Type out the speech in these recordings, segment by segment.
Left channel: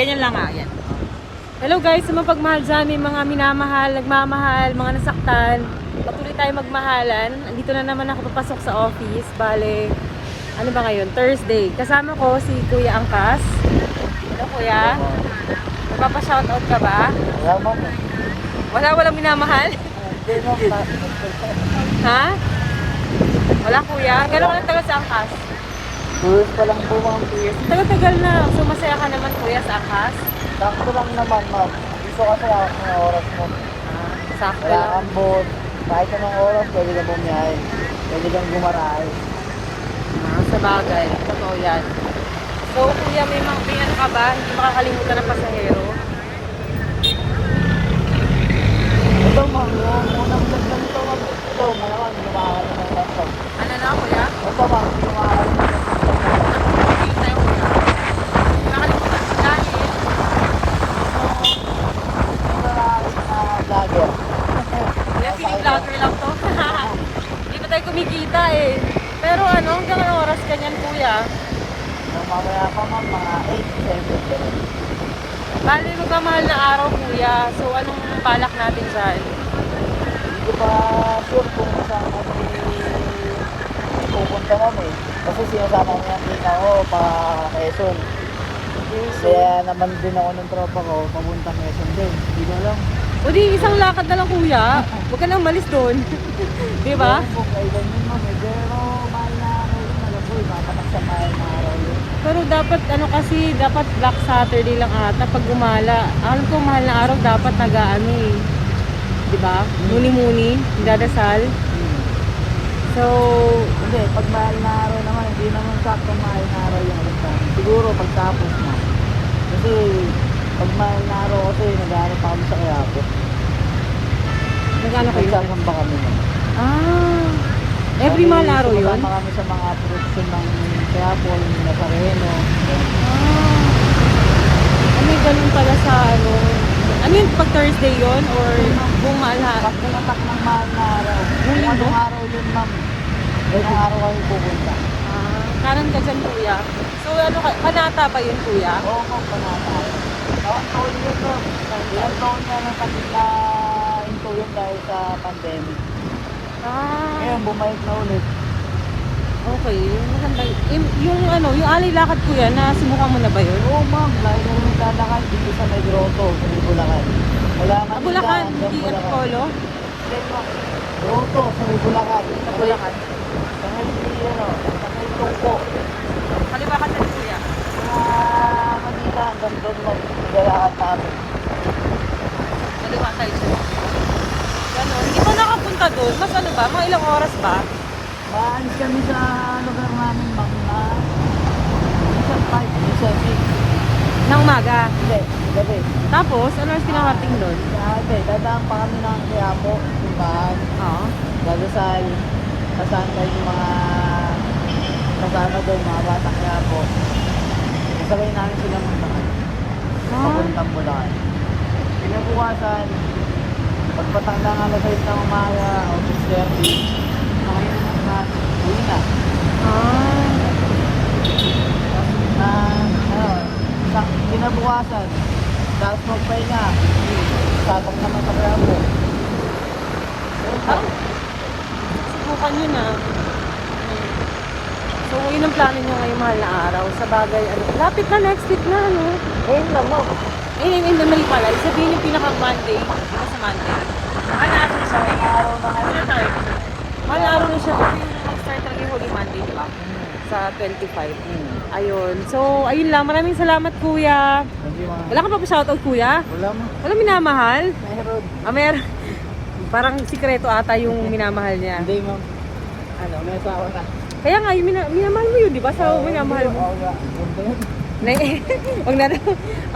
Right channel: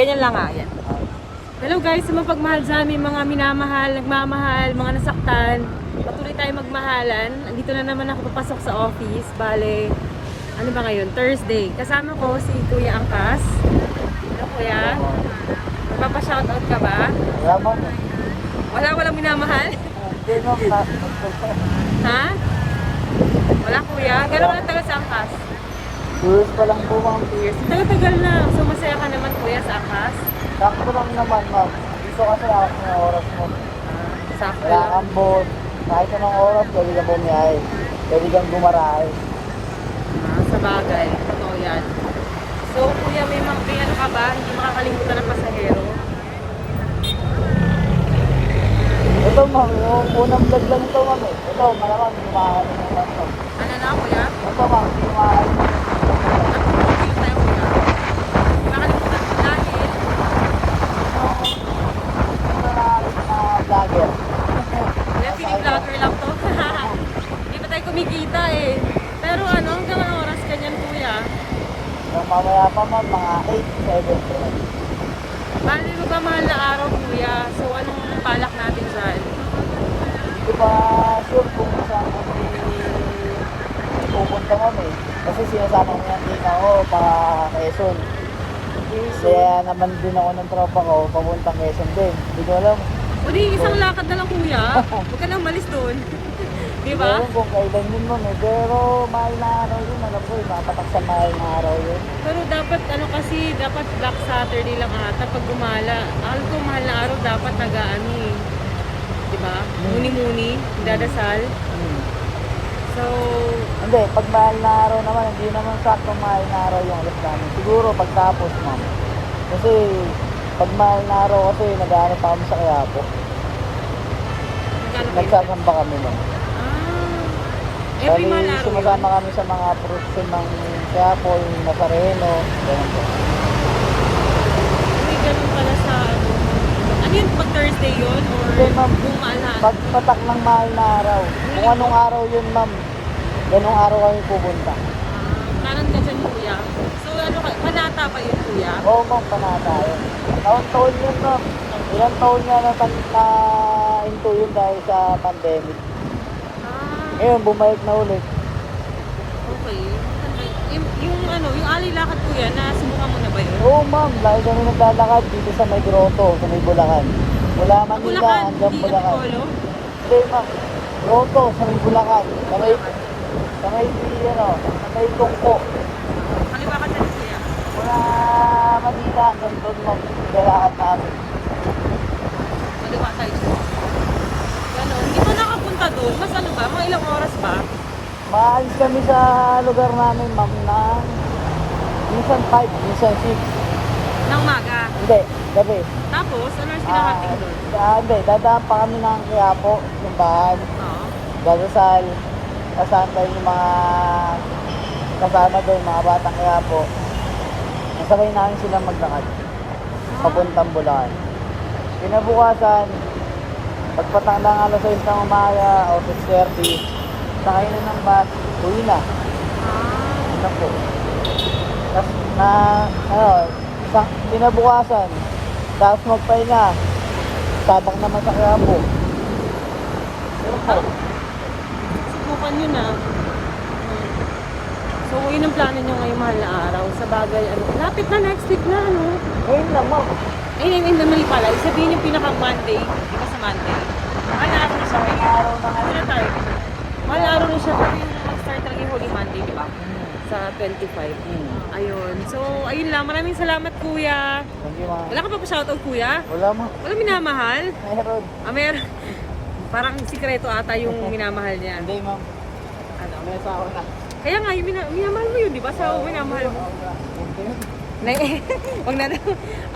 Ganyan lang nga, yan. Hello guys, sa mga pagmahal dyan, may mga minamahal, nagmamahal, mga nasaktan. Patuloy tayo magmahalan. Andito na naman ako papasok sa office. Bale, ano ba ngayon? Thursday. Kasama ko si Kuya Angkas. Hello Kuya. Magpapa-shoutout ka ba? Wala ba? Walang minamahal? Ha? Wala Kuya? Gano'n ka lang tagal sa Angkas? 2 years pa lang po, ma'am. 2 years. Tagal-tagal na. So masaya ka naman Kuya sa Angkas? Sakto lang naman, ma'am. Gusto kasi ako ng oras mo. Sakto Wala lang. kang boat. Kahit anong oras, pwede ka bumiyahe. Pwede kang gumarahe. Sa bagay. Totoo yan. So, Kuya, may ano ka ba? Hindi makakalimutan ng pasahero? Ito, ma'am. Yung unang vlog lang ito, ma'am. Ito, malamang. Hindi makakalimutan ito. Ano na, Kuya? Ito, ma'am. Hindi makakalimutan ito. Hindi tayo Kuya. Nakalimutan ko na. Vlogger. Kuya, feeling louder lang to. Hindi pa tayo kumikita eh. Pero ano, hanggang anong oras kanyan, Kuya? Nung mamaya pa, ma'am, mga 8, 7, 7. Bali, magmamahal na araw, Kuya. So, anong balak natin dyan? Hindi pa sure kung saan pupunta, ma'am eh. Kasi sinasama ko yung tina ko pa Quezon. Kaya naman din ako ng tropa ko, papuntang Quezon din. Hindi ko alam. O di, isang lakad na lang, Kuya. Huwag ka nang malis doon. Di ba? Ewan kung kailan yun, ma'am eh. Pero mahal na araw yun, alam ko, ipapatak sa mahal na araw yun. Pero dapat ano kasi, dapat Black Saturday lang ata pag gumala. Alam ko mahal na araw dapat nag-ano eh. 'Di ba? Muni-muni, dadasal. So, Hindi, pag mahal na araw naman, hindi naman sakto mahal na araw yung alas namin. Siguro pagtapos, ma'am. Kasi pag mahal na araw kasi nag-ano pa kami sa Quiapo. nagano kayo? Nagsasamba kami, ma'am. Every Bali, mahal na araw yun? sumasama kami sa mga production ng Quiapo, yung Nazareno. Ganun po. Ano ganun pala sa ano? Ano yun pag Thursday yun? Or Hindi, ma'am. buong mahal na? Pag tumatak ng mahal na araw, kung anong araw yun, ma'am, ganong araw kami pupunta. Karan ka dyan, Kuya. So, ano ka? Kanata ba yun, Kuya? Oo, ma'am, panata yun. Taon-taon yun, ma'am. Ilang taon nga na into yun dahil sa pandemic. Ngayon, bumalik na ulit. Okay. Yung ano, yung alay lakad, Kuya, na simukan mo na ba yun? Oo, ma'am, lagi kami naglalakad dito sa may grotto, sa may Bulacan. Mula Manila Bulacan, hanggang hindi Bulacan. Antipolo? Hindi, ma'am. Grotto sa may Bulacan. Sa may, ano, sa may tungko. Kaliwa ka dyan, Kuya. Mga Manila hanggang doon, ma'am. Naglalakad namin. Kaliwa tayo. Ganun. Hindi pa nakapunta doon. Mas ano ba? Mga ilang oras ba? Maalis kami sa lugar namin, ma'am, na minsan 5, minsan 6. Nang umaga. Hindi, gabi. Tapos, ano ang sinarating doon? Hindi, dadaan pa kami ng Quiapo, simbahan, Oo. dadasal, kasama yung mga kasama doon, mga batang Quiapo. Nasabay namin sila maglakad, papuntang Bulacan. Pinabukasan, pagpatak ng alas 6 ng umaga o 6:30, nakainom ng mat, uwi na. Tapos pinabukasan, tapos magpahinga, tatak naman sa Quiapo. Subukan yun ah. So, yun ang plano nyo ngayong mahal na araw. Sa bagay, ano, lapit na next week na, ano? Ngayon lang, ma'am. Ayun, mali pala. Sabihin yung pinaka-Monday. Pinaka sa Monday. Mahal na araw na siya. Araw na Ano tayo? Mahal na araw na siya. Nag-start ang Holy Monday, di ba? Sa 25. Ayun. So, ayun lang. Maraming salamat, Kuya. Thank you, ma'am. Wala ka pa pa shoutout, Kuya? Wala, ma'am. Wala minamahal? Meron. Meron. Parang sikreto ata yung minamahal niya. Hindi, ma'am. Ano? May asawa na. Kaya nga, yung minamahal mo yun, di ba? Sa minamahal mo. Wala. Hindi yun. Wag na daw.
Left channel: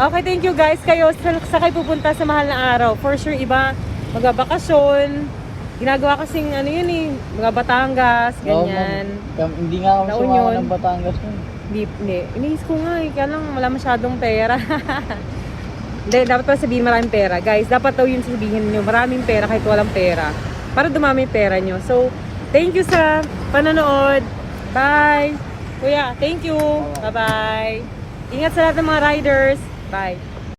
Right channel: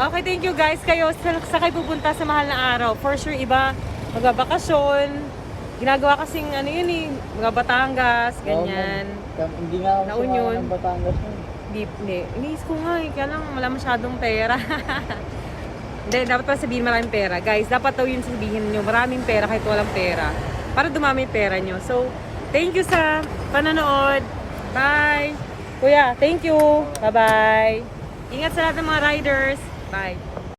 Okay, thank you guys. Kayo, sa kayo pupunta sa mahal na araw. For sure, iba, magbabakasyon. Ginagawa kasing ano yun eh, mga Batangas, ganyan. Hindi nga ako La Union. ng Batangas yun. Hindi. Iniis ko nga eh, kaya lang wala masyadong pera. Hindi, dapat pa sabihin maraming pera. Guys, dapat daw yun sabihin nyo, maraming pera kahit walang pera. Para dumami yung pera nyo. So, thank you sa panonood. Bye! Kuya, thank you. Bye-bye. Ingat sa lahat ng mga riders. Bye.